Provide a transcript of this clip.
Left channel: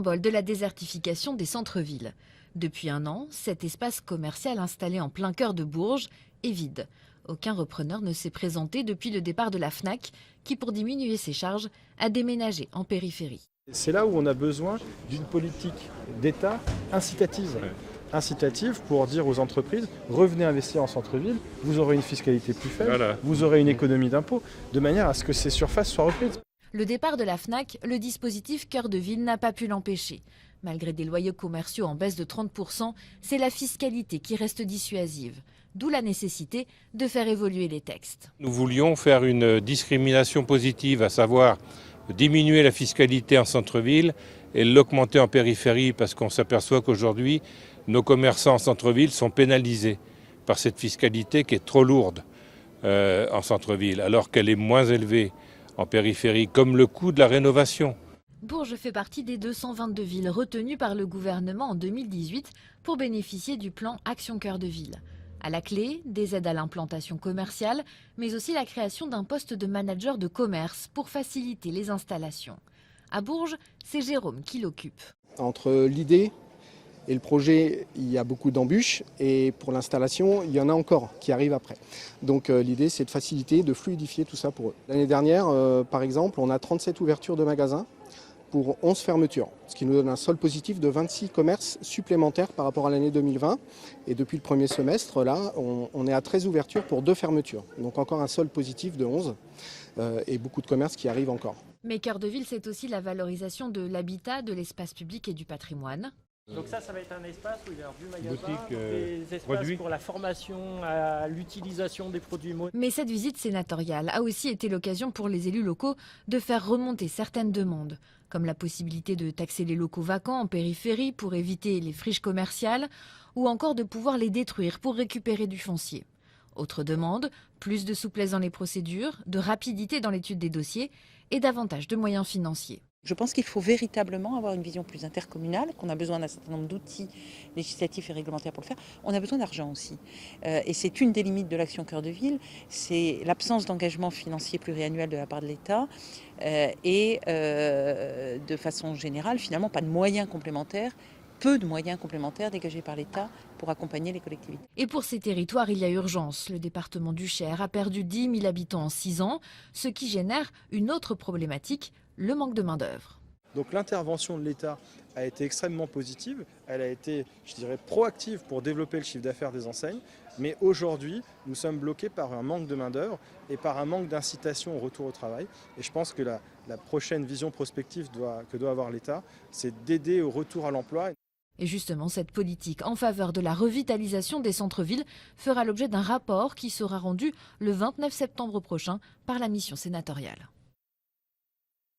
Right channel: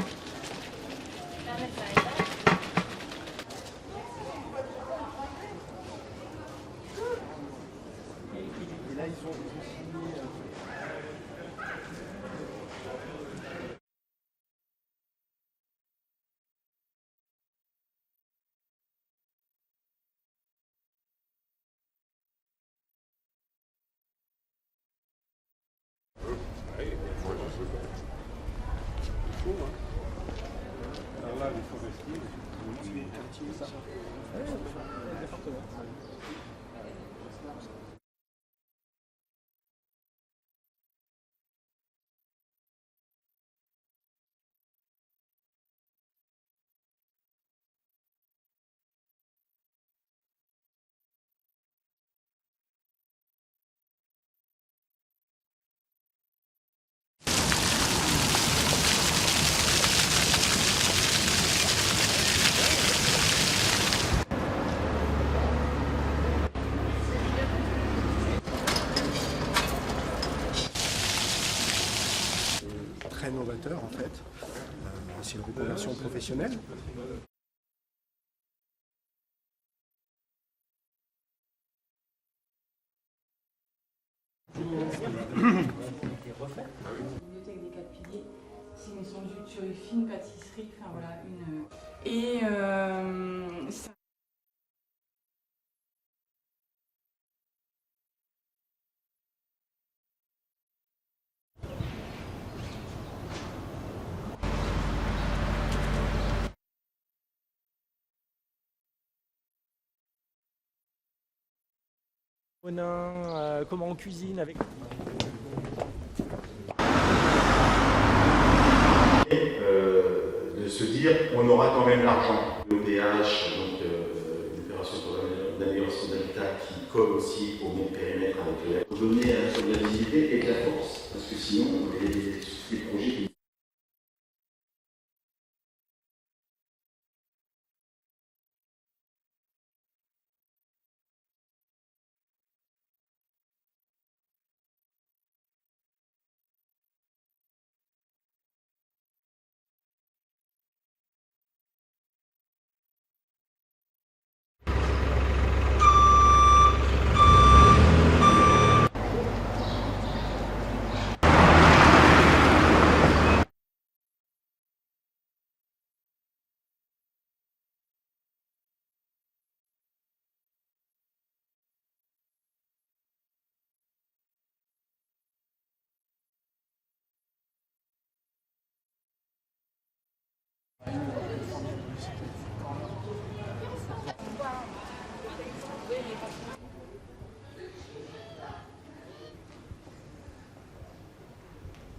symbole de la désertification des centres-villes. Depuis un an, cet espace commercial installé en plein cœur de Bourges est vide. Aucun repreneur ne s'est présenté depuis le départ de la Fnac, qui pour diminuer ses charges a déménagé en périphérie. C'est là où on a besoin d'une politique d'État incitative. Incitative pour dire aux entreprises, revenez investir en centre-ville, vous aurez une fiscalité plus faible, vous aurez une économie d'impôt, de manière à ce que ces surfaces soient reprises. Le départ de la Fnac, le dispositif Cœur de Ville n'a pas pu l'empêcher. Malgré des loyers commerciaux en baisse de 30%, c'est la fiscalité qui reste dissuasive. D'où la nécessité de faire évoluer les textes. Nous voulions faire une discrimination positive, à savoir diminuer la fiscalité en centre-ville et l'augmenter en périphérie, parce qu'on s'aperçoit qu'aujourd'hui, nos commerçants en centre-ville sont pénalisés par cette fiscalité qui est trop lourde en centre-ville, alors qu'elle est moins élevée en périphérie, comme le coût de la rénovation. Fait partie des 222 villes retenues par le gouvernement en 2018 pour bénéficier du plan Action Cœur de Ville. À la clé, des aides à l'implantation commerciale, mais aussi la création d'un poste de manager de commerce pour faciliter les installations. À Bourges, c'est Jérôme qui l'occupe. Entre l'idée et le projet, il y a beaucoup d'embûches et pour l'installation, il y en a encore qui arrivent après. Donc l'idée, c'est de faciliter, de fluidifier tout ça pour eux. L'année dernière, par exemple, on a 37 ouvertures de magasins pour 11 fermetures, ce qui nous donne un solde positif de 26 commerces supplémentaires par rapport à l'année 2020. Et depuis le premier semestre, là, on est à 13 ouvertures pour 2 fermetures. Donc encore un solde positif de 11 et beaucoup de commerces qui arrivent encore. Mais Cœur de Ville, c'est aussi la valorisation de l'habitat, de l'espace public et du patrimoine. Donc ça va être un espace où il y a du magasin, boutique, des espaces pour la formation, à l'utilisation des produits Monin. Mais cette visite sénatoriale a aussi été l'occasion pour les élus locaux de faire remonter certaines données. De taxer les locaux vacants en périphérie pour éviter les friches commerciales ou encore de pouvoir les détruire pour récupérer du foncier. Autre demande, plus de souplesse dans les procédures, de rapidité dans l'étude des dossiers et davantage de moyens financiers. Je pense qu'il faut véritablement avoir une vision plus intercommunale, qu'on a besoin d'un certain nombre d'outils législatifs et réglementaires pour le faire. On a besoin d'argent aussi. Et c'est une des limites de l'action Cœur de Ville, c'est l'absence d'engagement financier pluriannuel de la part de l'État et de façon générale, finalement, pas de moyens complémentaires, peu de moyens complémentaires dégagés par l'État pour accompagner les collectivités. Et pour ces territoires, il y a urgence. Le département du Cher a perdu 10 000 habitants en 6 ans, ce qui génère une autre problématique. Donc l'intervention de l'État a été extrêmement positive, elle a été, je dirais, proactive pour développer le chiffre d'affaires des enseignes, mais aujourd'hui, nous sommes bloqués par un manque de main-d'œuvre et par un manque d'incitation au retour au travail. Et je pense que la prochaine vision prospective que doit avoir l'État, c'est d'aider au retour à l'emploi. Et justement, cette politique en faveur de la revitalisation des centres-villes fera l'objet d'un rapport qui sera rendu le 29 septembre prochain par la mission sénatoriale.